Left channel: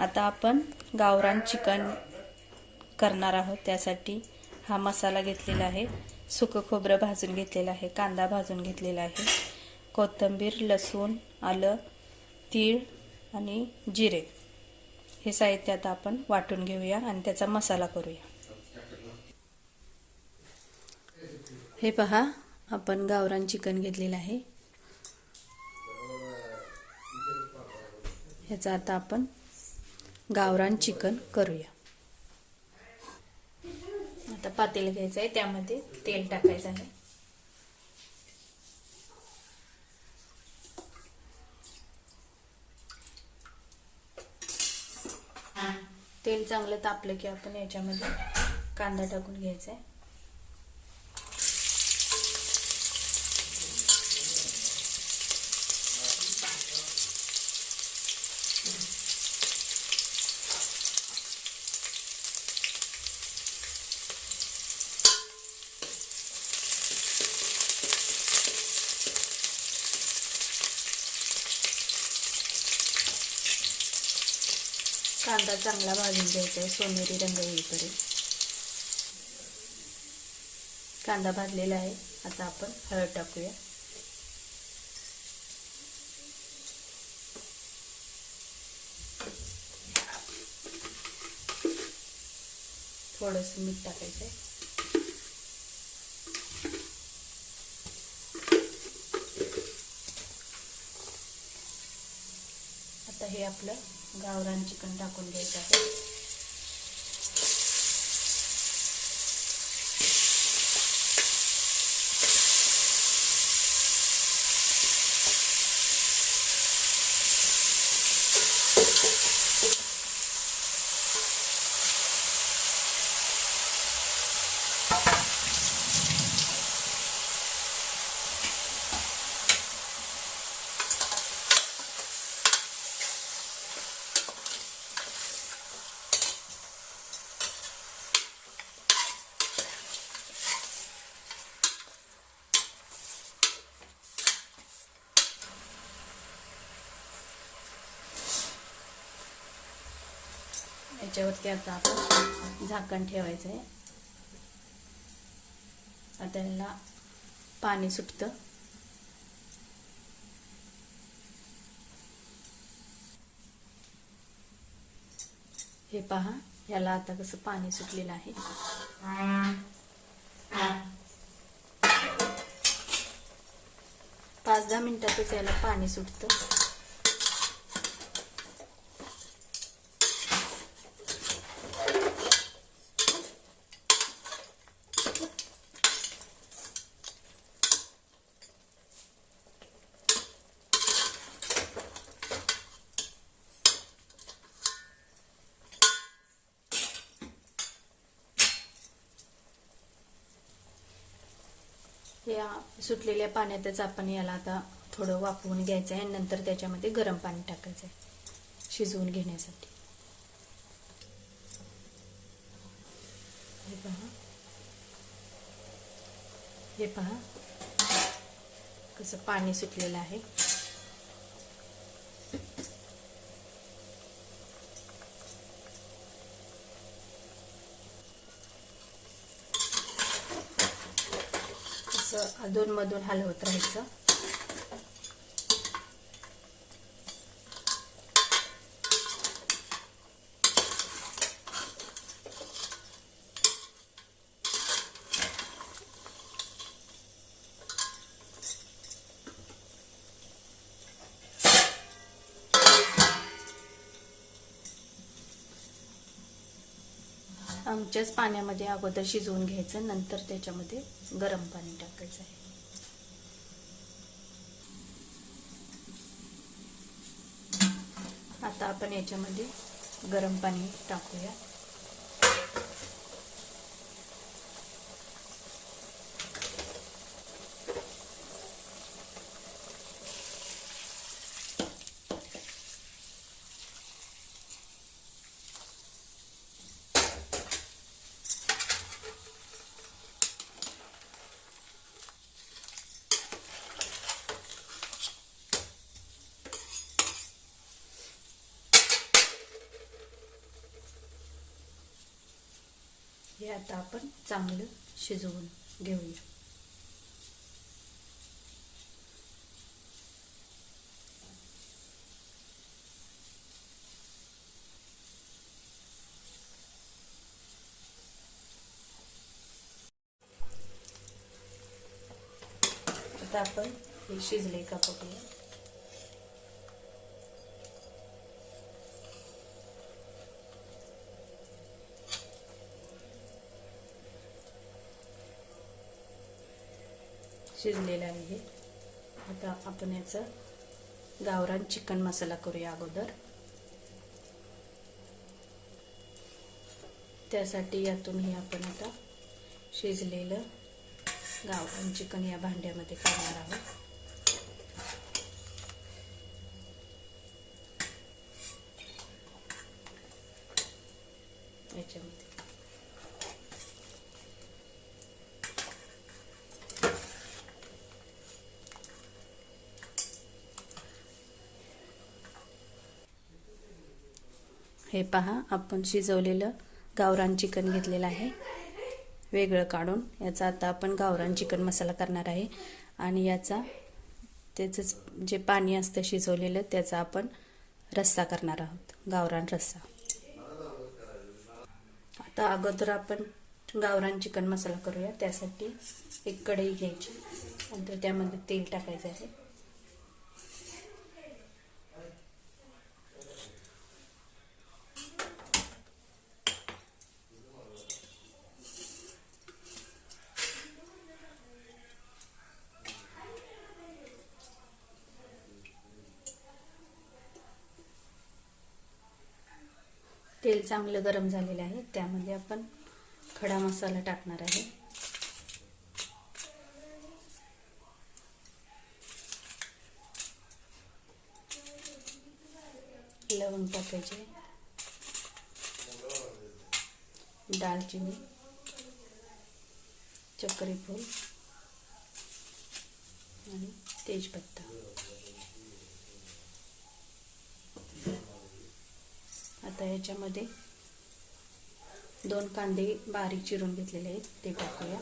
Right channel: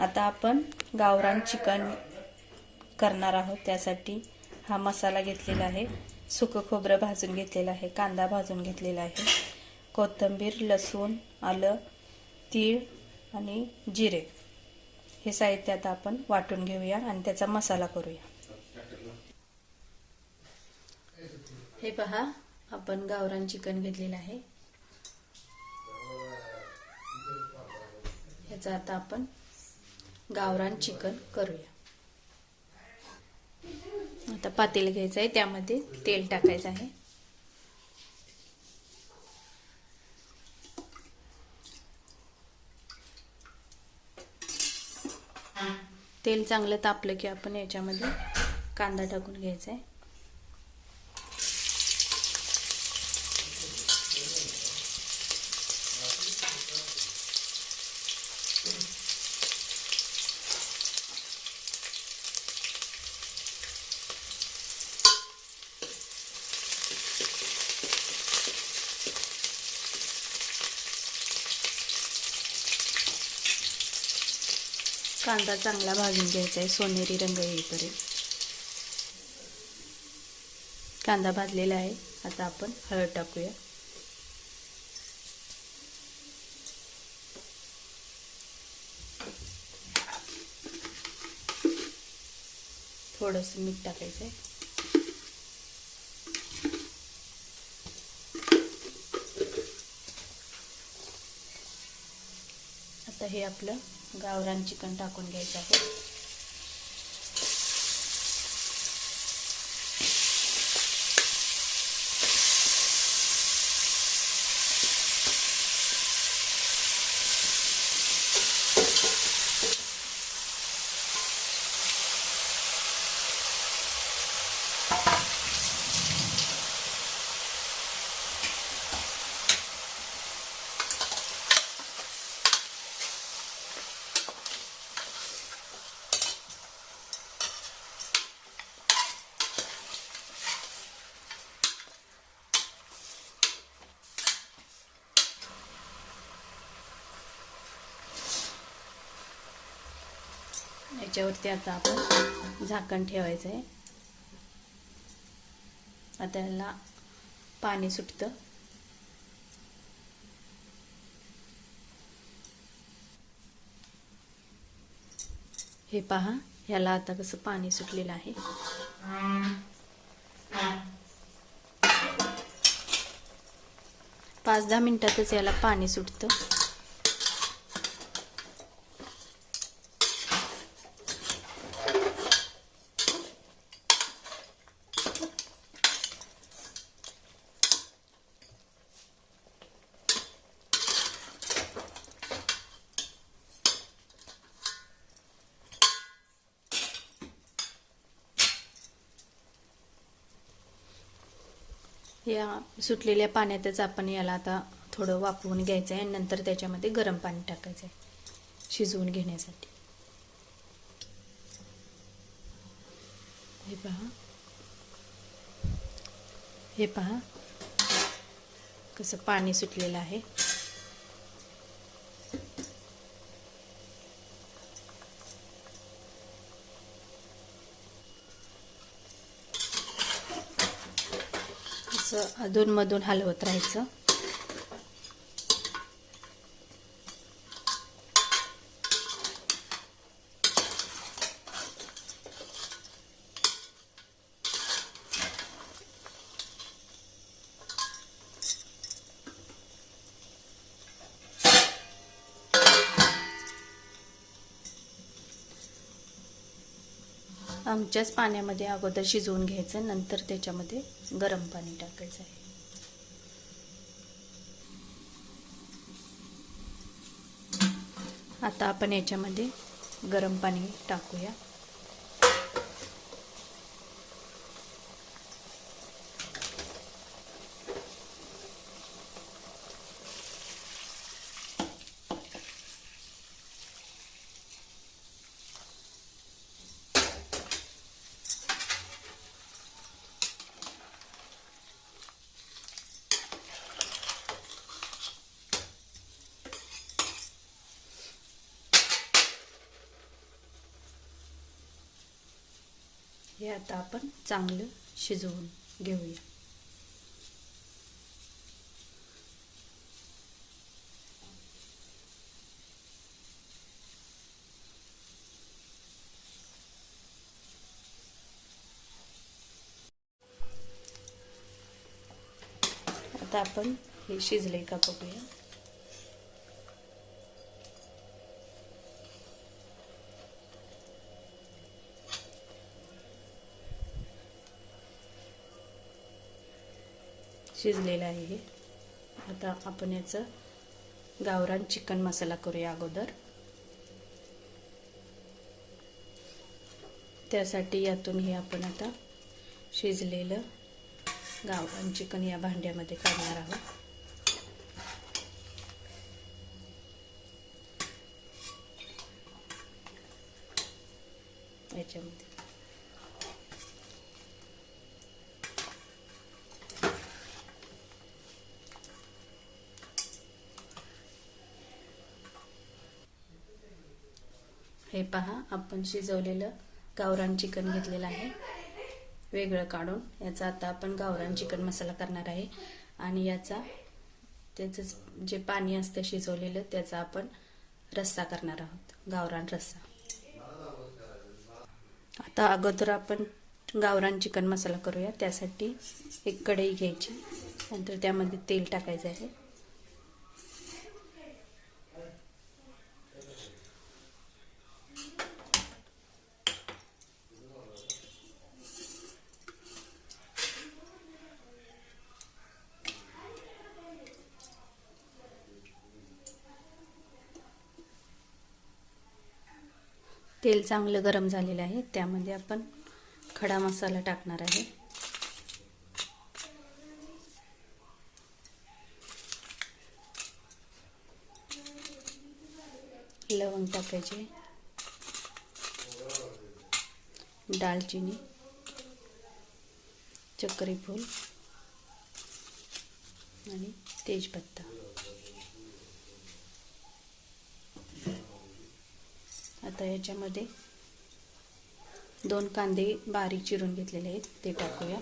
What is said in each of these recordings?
आता आपण गावरान चिकन करणार आहोत। त्यासाठी हा मसाला घेतलेला आहे, सुकं खोबरं भाजून घेतलेलं आहे, कांदा भाजून घेतलेला आहे, कोथिंबीर, लसूण, आलं, तीळ आणि जिरे हे साहित्य आता आपण वाटून घेऊया आणि त्याचा मसाला करूया। हे पहा, आपण गावरान चिकन घेतलेलं आहे। याचा आता आपण गावरान चिकन करूया। आता पातेलं घ्यायचं आहे, त्यामध्ये तेल टाकायचं आहे। तेल चांगलं तापलं की आपण याच्यामध्ये कांदा टाकून घ्यायचा आहे। कांदा चांगला भाजून घ्यायचा आहे, सोनेरी रंग येईपर्यंत। कांदा भाजलेला आहे, आता आपण हळद टाकूया। थोडंसं मीठ टाकायचं आहे। आता हे आपलं गावरान चिकन टाकून घ्यायचं आहे। याच्यावरती आता आपण झाकण ठेवायचं आहे। आता याला पाणी सुटतं। हे पहा, याला आता कसं पाणी सुटलेलं आहे। 5-10 मिनिटातच याला पाणी सुटतं। या सुटलेल्या पाण्यातच आपण याला आता थोडं वाफवून घ्यायचं आहे, नंतर त्याच्यामध्ये गरम पाणी टाकायचं आहे शिजवून घेण्यासाठी। हे पहा कसं पाणी सुटलेलं आहे। अधूनमधून हलवत राहायचं। आमच्याच पाण्यामध्ये अगोदर शिजवून घ्यायचं, नंतर त्याच्यामध्ये गरम पाणी टाकायचं। आता आपण याच्यामध्ये गरम पाणी टाकूया। हे आता आपण चांगलं शिजवून घेऊया. आता आपण हे शिजले का बघूया. शिजलेलं आहे हे. आता आपण याचा गावरान चिकन मसाला करूया अगोदर. त्यासाठी यातून हे आपण आता शिजलेलं गावरान चिकन या भांड्यामध्ये काढणार आहोत. याच्यामध्ये हे पहा, आपण शिजवलेलं गावरान चिकन घेतलेलं आहे वेगळं काढून. याचा आता आपण गावरान चिकन मसाला करणार आहे आणि याचा त्याचं जे पाणी असतं शिजवलेलं त्याचा आपण रस्सा करणार आहोत, गावरान रस्सा. आता अगोदर आपण गावरान चिकन मसाला करूया. त्यासाठी एक कढई घ्यायची, नंतर त्यामध्ये तेल टाकायचं आहे. तेल चांगलं गरम झालेलं आहे. त्यामध्ये आपण खडा मसाला टाकणार आहे. लवंग टाकायचे, दालचिनी, चक्री फूल आणि तेजपत्ता. आता याच्यामध्ये 2 कांदे बारीक चिरून घेतलेले आहेत ते टाकूया.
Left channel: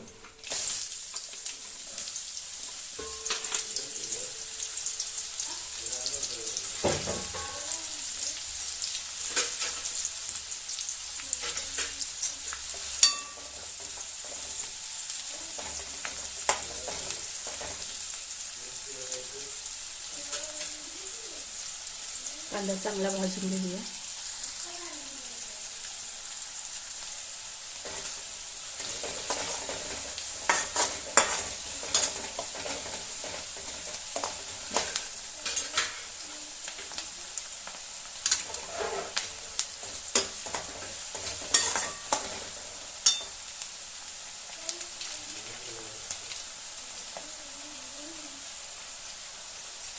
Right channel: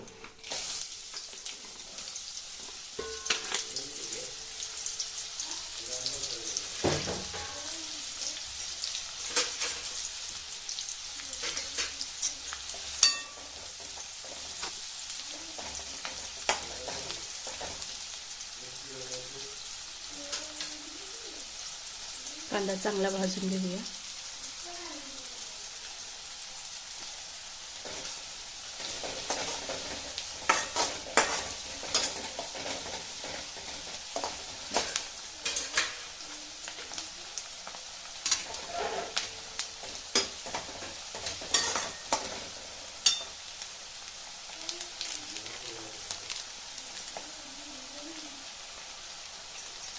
कांदा चांगला भाजून घेऊया.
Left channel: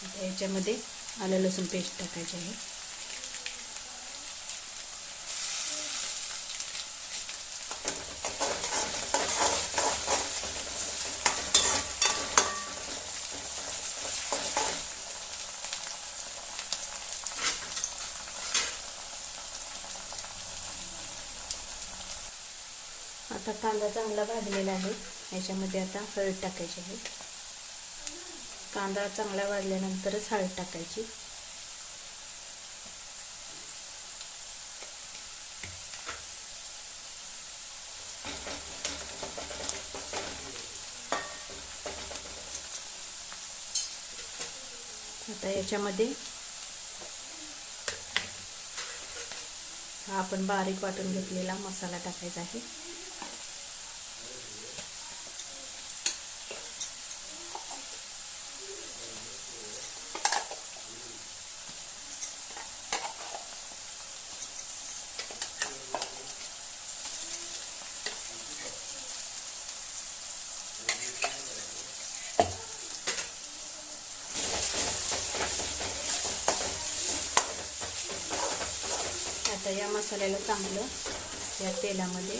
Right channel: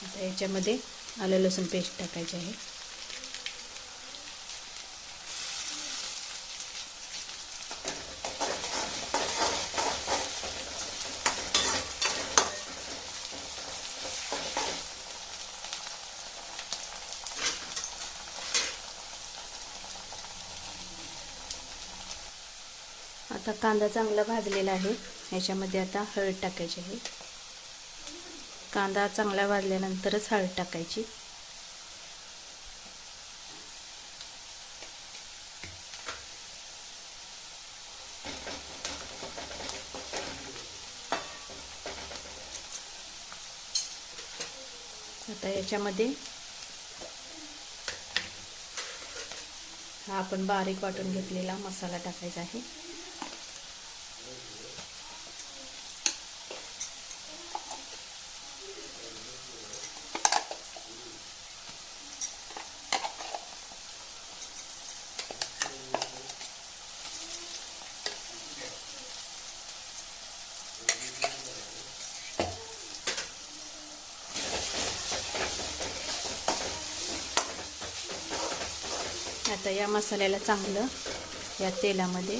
आता याच्यामध्ये आलं लसूण पेस्ट टाकायची आहे. आता कांदा चांगला भाजलेला आहे. याच्यामध्ये आता हळद टाकायची आहे. कांदा चांगला भाजल्यानंतरच हळद टाकायची. आता याच्यामध्ये हा आपण बारीक वाटून घेतलेला मसाला टाकायचा आहे. आता या मसाल्याला चांगलं या तेलामध्ये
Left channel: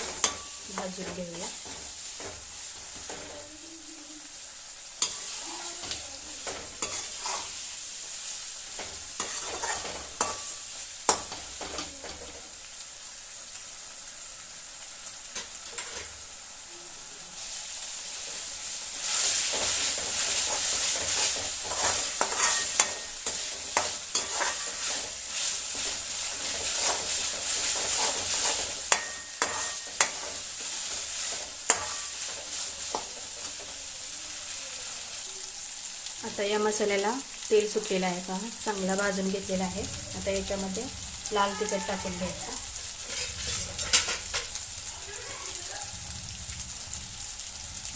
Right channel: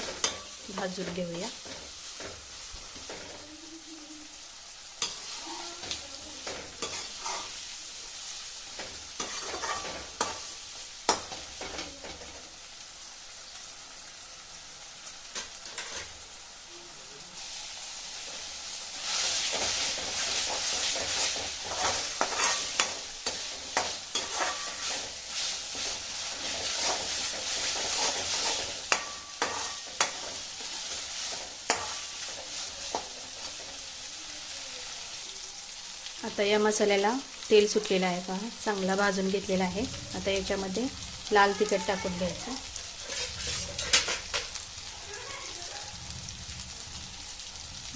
भाजून घेऊया. आता या मसाल्याला तेल सुटलेलं आहे पहा, चांगला भाजून घेतलेला आहे. आता याच्यामध्ये लाल तिखट टाकून द्यायचं.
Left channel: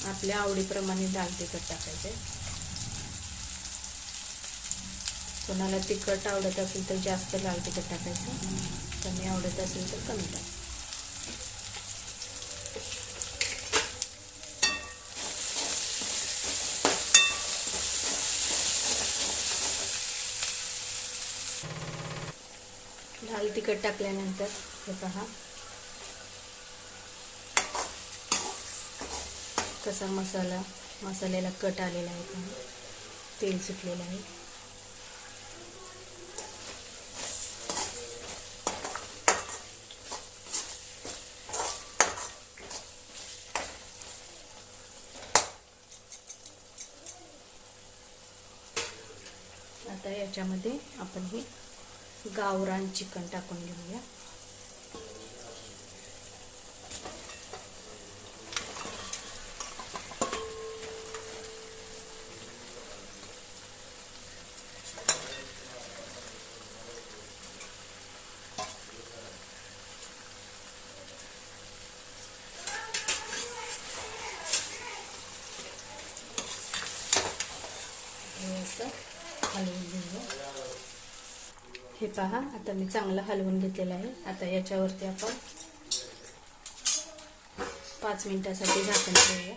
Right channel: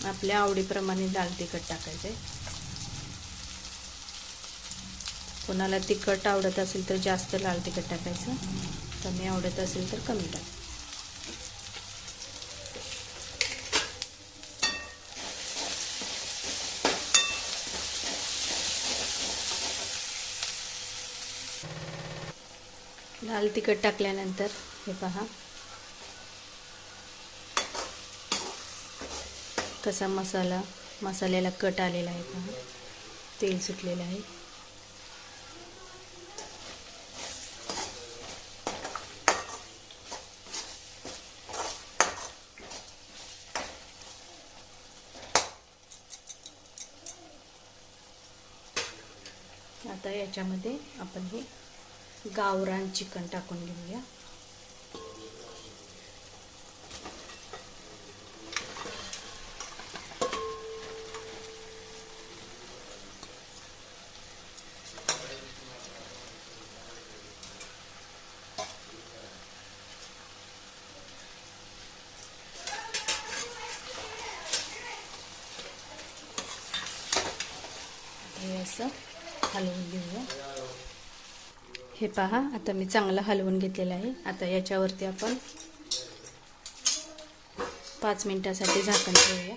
आपल्या आवडीप्रमाणे लाल तिखट टाकायचे. कोणाला तिखट आवडत असेल तर जास्त लाल तिखट टाकायचं, कमी आवडत असेल तर कमी टाकायचं. लाल तिखट टाकल्यानंतर हे पहा कसा मसाल्याला कट आलेला आहे, पहा तेल सुटलेलं आहे. आता याच्यामध्ये आपण हे गावरान चिकन टाकून घेऊया. हे असं हलवून घेऊया. हे पहा आता मी चांगलं हलवून घेतलेलं आहे. आता याच्यावरती आपण 5 मिनिटासाठी झाकण ठेवूया.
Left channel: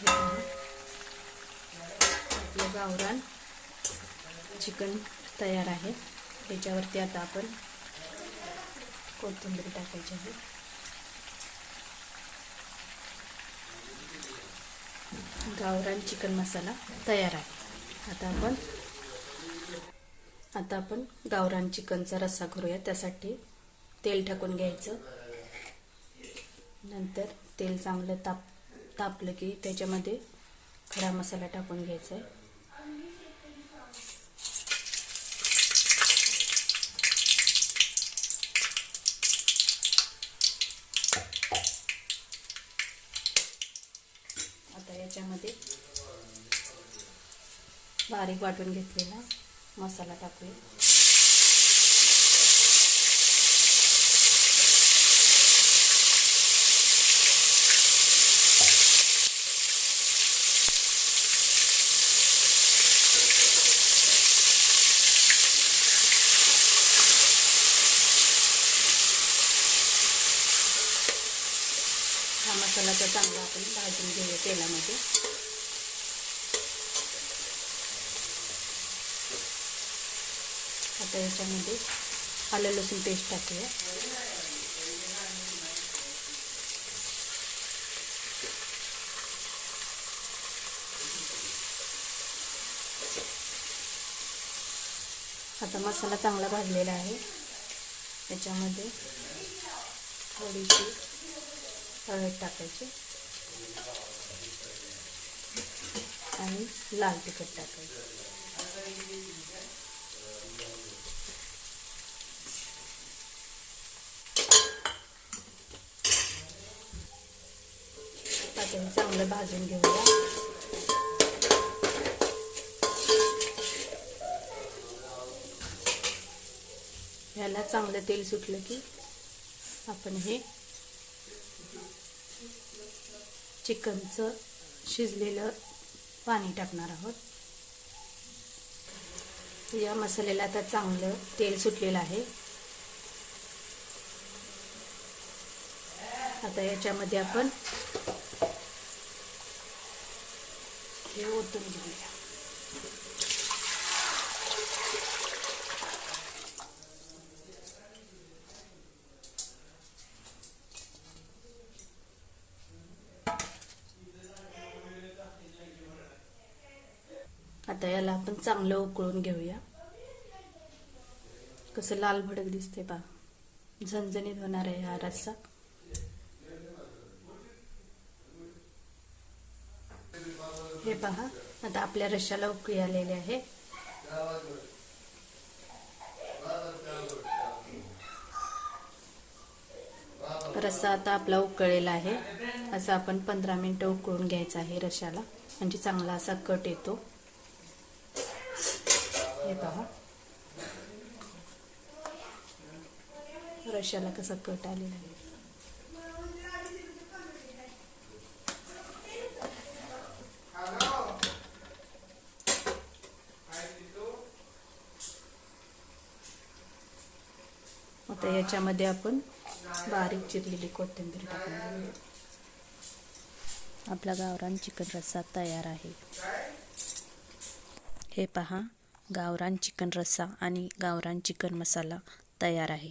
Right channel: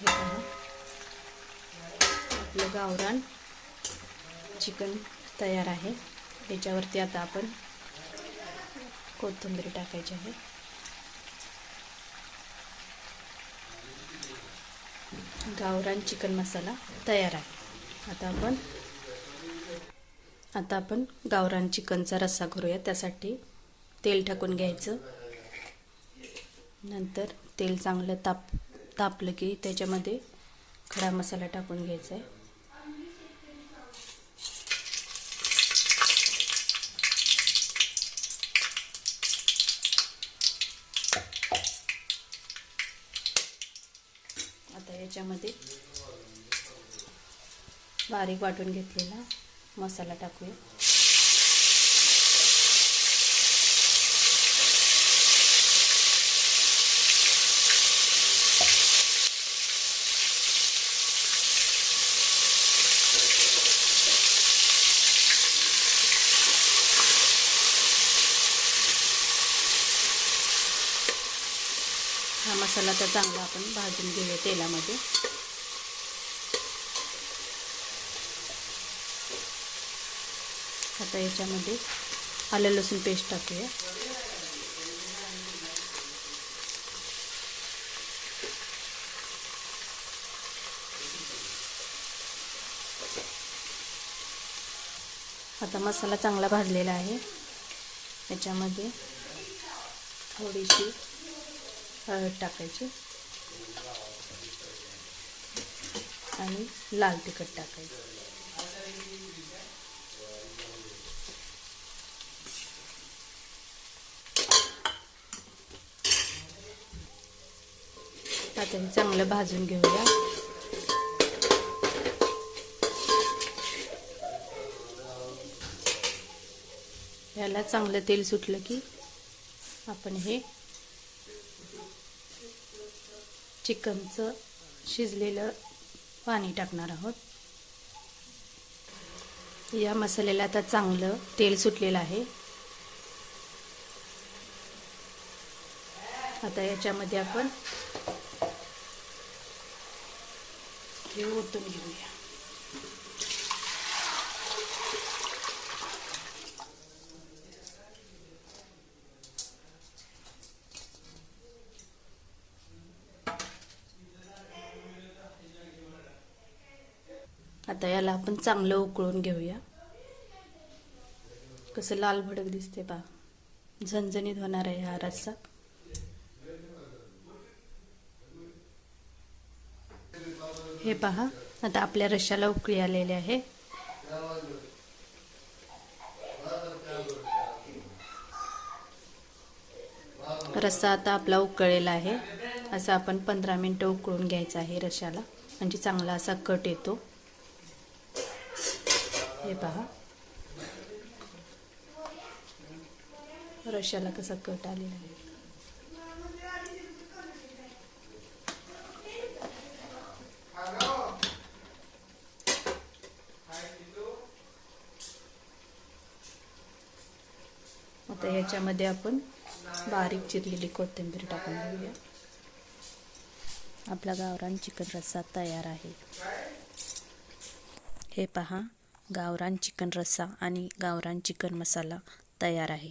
हे पहा आपलं गावरान चिकन तयार आहे. त्याच्यावरती आता आपण कोथिंबीर टाकायची आहे. गावरान चिकन मसाला तयार आहे. आता आपण गावरान चिकनचा रस्सा करूया. त्यासाठी तेल टाकून घ्यायचं. नंतर तेल चांगलं तापलं की त्याच्यामध्ये खडा मसाला टाकून घ्यायचा. आता याच्यामध्ये बारीक वाटून घेतलेला मसाला टाकूया. हा मसाला तर चांगला आपण भाजून घेऊया तेलामध्ये. आता याच्यामध्ये आलं लसूण पेस्ट टाकूया. आता मसाला चांगला भाजलेला आहे. याच्यामध्ये थोडीशी हळद टाकायची आणि लाल तिखट टाकायचं. आता हे चांगलं भाजून घेऊया. याला चांगलं तेल सुटलं की आपण हे चिकनचं शिजलेलं पाणी टाकणार आहोत. या मसाल्याला आता चांगलं तेल सुटलेलं आहे. आता याच्यामध्ये आपण हे ओतून घेऊया. आता याला आपण चांगलं उकळून घेऊया. कसं लाल भडक दिसते पहा, झणझणीत होणार आहे हा रस्सा. हे पहा आता आपल्या रश्श्याला उकळी आलेली आहे. रस्सा आता आपला उकळलेला आहे. असं आपण 15 मिनिटं उकळून घ्यायचं आहे रश्शाला, म्हणजे चांगला असा कट येतो. हे पहा रश्शाला कसा कट आलेला आहे. आता याच्यामध्ये आपण बारीक चिरलेली कोथिंबीर टाकून घेऊया. आपला गावरान चिकन रस्सा तयार आहे. हे पहा, गावरान चिकन रस्सा आणि गावरान चिकन मसाला तयार आहे.